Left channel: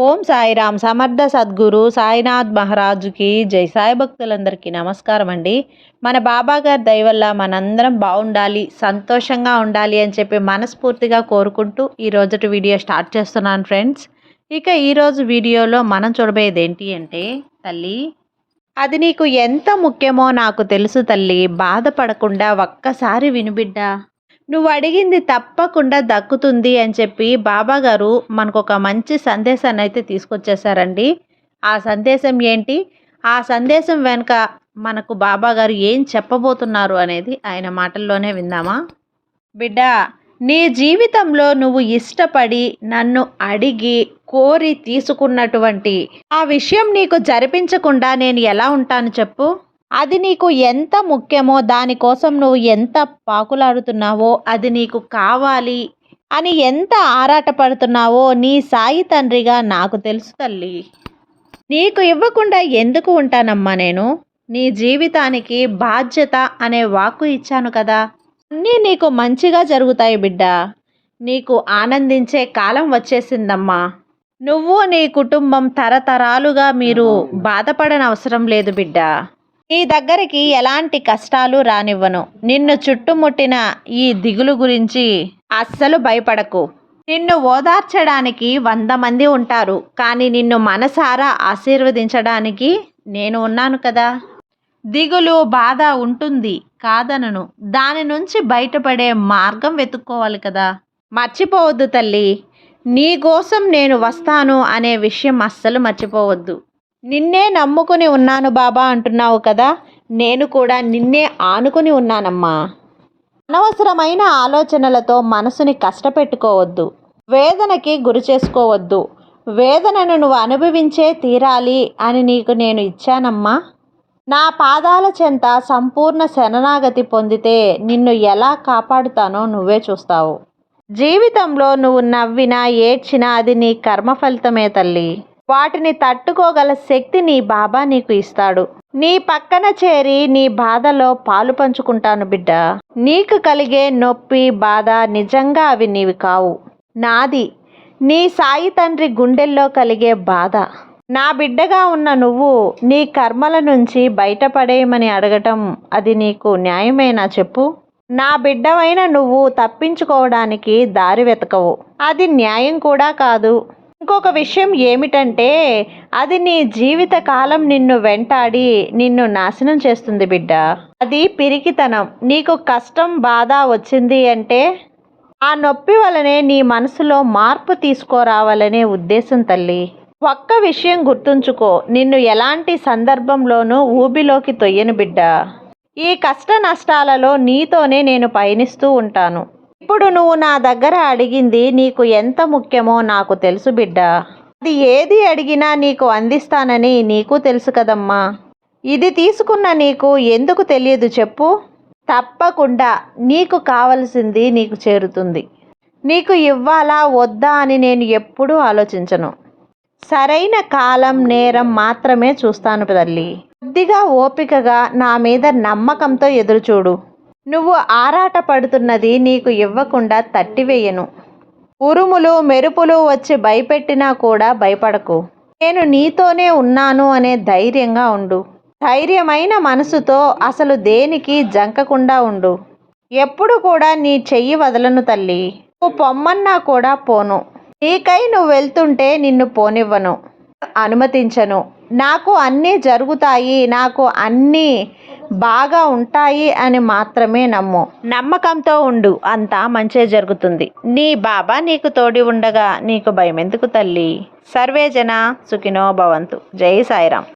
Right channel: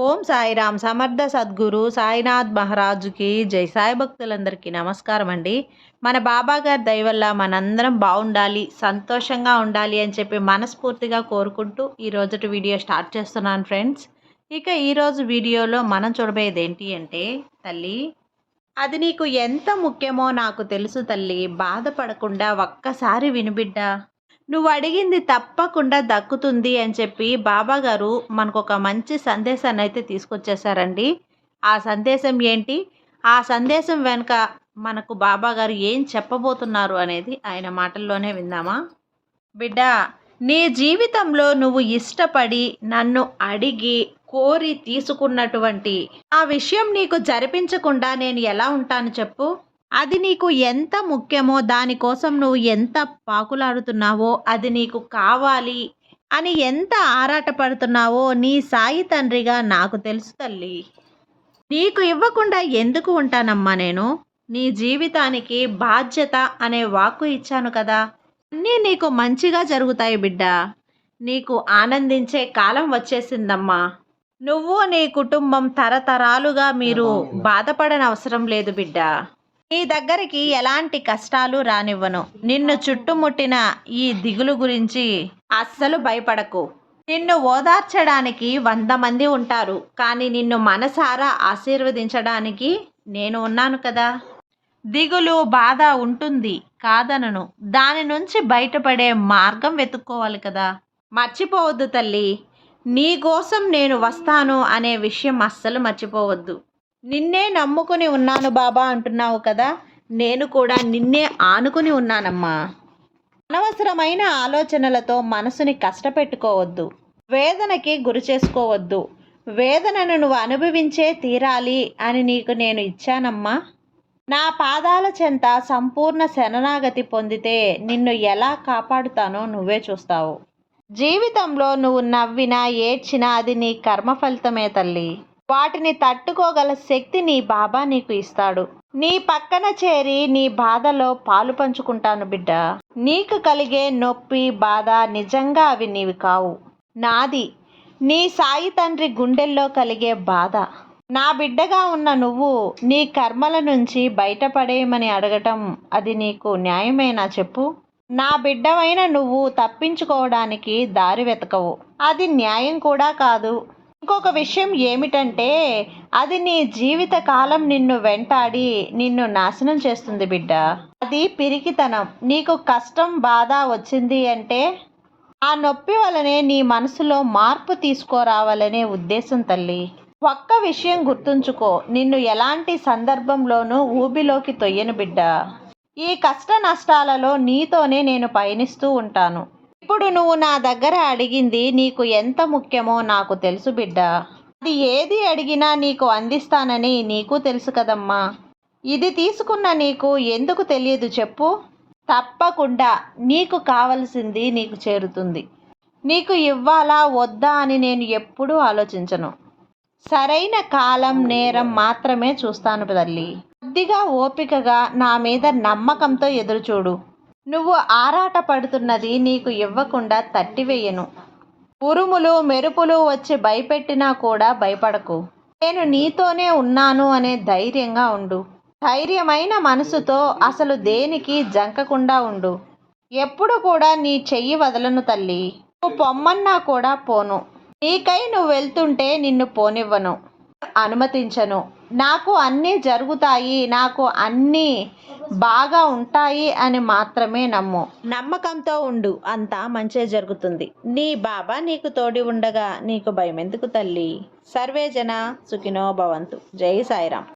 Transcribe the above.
ఓం సాయిరామ్ సమర్థ సద్గురు సాయినాథ్ మహారాజుకి జై సాయి భక్తులందరికీ నమస్కారం అండి. మన బాబా గారి దయ మనందరం బాగుండాలి సంతోషంగా ఉండాలి అని చెప్పి మనస్ఫూర్తిగా కోరుకుంటూ ఈ రోజుటి వీడియో స్టార్ట్ చేస్తున్నాను ఫ్రెండ్స్. ఇక ఈరోజు వీడియోలో మనం చూడబోయేది ఏంటి అంటే తల్లి అది నీకు ఎంత ముఖ్యమో నాకు తెలుసు తల్లి బాధపడకుండా ఒక్కసారి వినుబిడ్డా నువ్వు అడిగింది తప్పకుండా దక్కుతుంది అని చెప్పి బాబాగారు మనకు ఒక మంచి సందేశాన్ని అయితే తీసుకొచ్చేసారండి ఆ సందేశం ఏంటి? ఆ సందేశం వెనుక మనకు బాబాగారు ఏం చెప్పబోతున్నారు అనేది ఆయన మాటల్లోనే విందామా? బిడ్డ నీ జీవితంలో నువ్వు ఇష్టపడి నన్ను అడిగి కోరి తీసుకున్నటువంటి ఆ విషయం నీకు జరిపించకుండా నేను ఎలా ఉంటాను చెప్పు. అది నీకు ఎంత ముఖ్యమో దానికోసం నువ్వు ఎంత పాకులాడుతున్నావో అది నీకు కావాలి అని ఎంత ఆరాటపడుతున్నావో నీ సాయి తండ్రిగా నాకు తెలుసు తల్లి. నీకు ఇవ్వకుండా ఎందుకు ఉంటానమ్మా నేను? నీ జీవితానికి బాధ్యత అనే వాక్కు ఇచ్చాను కదా. అన్నీ నీకు మంచిగా జరుగుతాయి బిడ్డ. నీకు ఆనందించే కాలం వచ్చేసిందమ్మా. నువ్వు నీ కుటుంబం తరతరాలుగా మీరు బాధపడనవసరం లేదు బిడ్డ. నీ దగ్గరికి ఎలాంటి కష్టాలు రానివ్వను. నిన్ను చుట్టుముట్టిన ఈ దిగులు గురించి అస్సలు భయపడకు. నిన్ను ఓదార్చడానికి వంద మంది ఉంటారు కానీ నిన్ను మనసారా ఆశీర్వదించడానికి నేను ఉన్నాను కదా. దిగులు బాధ ఉంటుంది కాదనను. దాని నుంచి బయటపడే మార్గం వెతుక్కోవాలి కదా. మర్చిపోవద్దు తల్లి. నీ కోసం నేను వస్తాను అనే విషయం అస్సలు మర్చిపోవద్దు. నిన్నే నమ్ముకుని ఉన్నాను బాబా అంటున్నావు కదా నేను కూడా నిన్నే ఆనుకుని ఉన్నానమ్మా. అనవసరమైన ఆలోచనలతో మనసుని కష్టపెట్టుకోవద్దు వేదనకి గురి చేసుకోవద్దు. వేదనను నువ్వు అనుభవించే తీరాలి అని నీకు నేను ఇచ్చానమ్మా. నా పాదాల చెంత సంపూర్ణ శరణాగతి పొందితే నిన్ను ఎలా కాపాడుతానో నువ్వే చూస్తావు. జీవితంలో నువ్వు నవ్వినా ఏడ్చినా అది నీ కర్మ ఫలితమే తల్లి. వాటిని తట్టుకోగల శక్తి నీ బాబా నీకు ఇస్తాడు. నీ పక్కన చేరి నీ బాధలో పాలు పంచుకుంటాను బిడ్డ. నీకు కలిగే నొప్పి బాధ నిజంగా అవి నీవి కావు. నాది నీ సాయి తండ్రి గుండెల్లో కలిగే బాధ. నా బిడ్డగా ఉన్న నువ్వు నీ కర్మల నుంచి బయటపడేయమని అడగటం అది నీకు న్యాయమేనా చెప్పు? నా బిడ్డవైన నువ్వు తప్పించుకోవడానికి దారి వెతకవు. అది న్యాయం కూడా కాదు. ఇంకొక విషయం ఏమిటంటే అది నీ జీవిత కాలం నిన్ను వెంటాడి నిన్ను నాశనం చేస్తుంది బిడ్డ. అది పిరికితనం. నీకు కష్టం బాధ వచ్చింది అంటే ఆ నొప్పి వలనే నీ మనసులో మార్పు తీసుకురావాలనే ఉద్దేశం తల్లి. ఒక్క విషయం గుర్తుంచుకో నిన్ను ఎలాంటి సందర్భంలోనూ ఊబిలోకి తొయ్యను బిడ్డ. ఈ కష్ట నష్టాలలో నీతోనే నేను పయనిస్తూ ఉంటాను. ఇప్పుడు నువ్వు నా దగ్గర అడిగింది నీకు ఎంత ముఖ్యమో నాకు తెలుసు బిడ్డ. అది ఏది అడిగినా నీకు అందిస్తానని నీకు తెలుసు కదమ్మా. ఇది తీసుకున్న నీకు ఎందుకు తెలియదు చెప్పు. తప్పకుండా నీకు కావలసింది నీకు చేరుతుంది. నీకు ఇవ్వాలా వద్దా అని నేను ఎప్పుడూ ఆలోచించను. సరైన కాలం నేరం మాత్రమే చూస్తాను తల్లి. కొద్దిగా ఓపికగా నా మీద నమ్మకంతో ఎదురుచూడు. నువ్వు ఆరాట పడుతున్నది నీకు ఇవ్వకుండా తట్టివేయను. ఉరుములు మెరుపులు వచ్చి భయపెట్టినా కూడా భయపడకు. నేను నీతోనే ఉన్నాను అనే ధైర్యంగా ఉండు. ధైర్యమైన మనసుతో అసలు దేనికి జంకకుండా ఉండు. ఎప్పుడు కూడా నీ చెయ్యి వదలను తల్లి. నువ్వు పొమ్మన్నా కూడా పోను. నీకై నువ్వు వెళ్తుంటే నిన్ను పోనివ్వను. అనుమతించను. నాకు అన్నీ జరుగుతాయి నాకు అన్నీ బాగా ఉంటాయి అని మాత్రమే నమ్ము. నమ్మకంతో ఉండు అంతా మంచే జరుగుతుంది. నీ బాబా నీకు తోడి ఉండగా నీకు భయం ఎందుకు తల్లి సర్వేజన సుఖినో భవంతు. జై సాయిరామ్.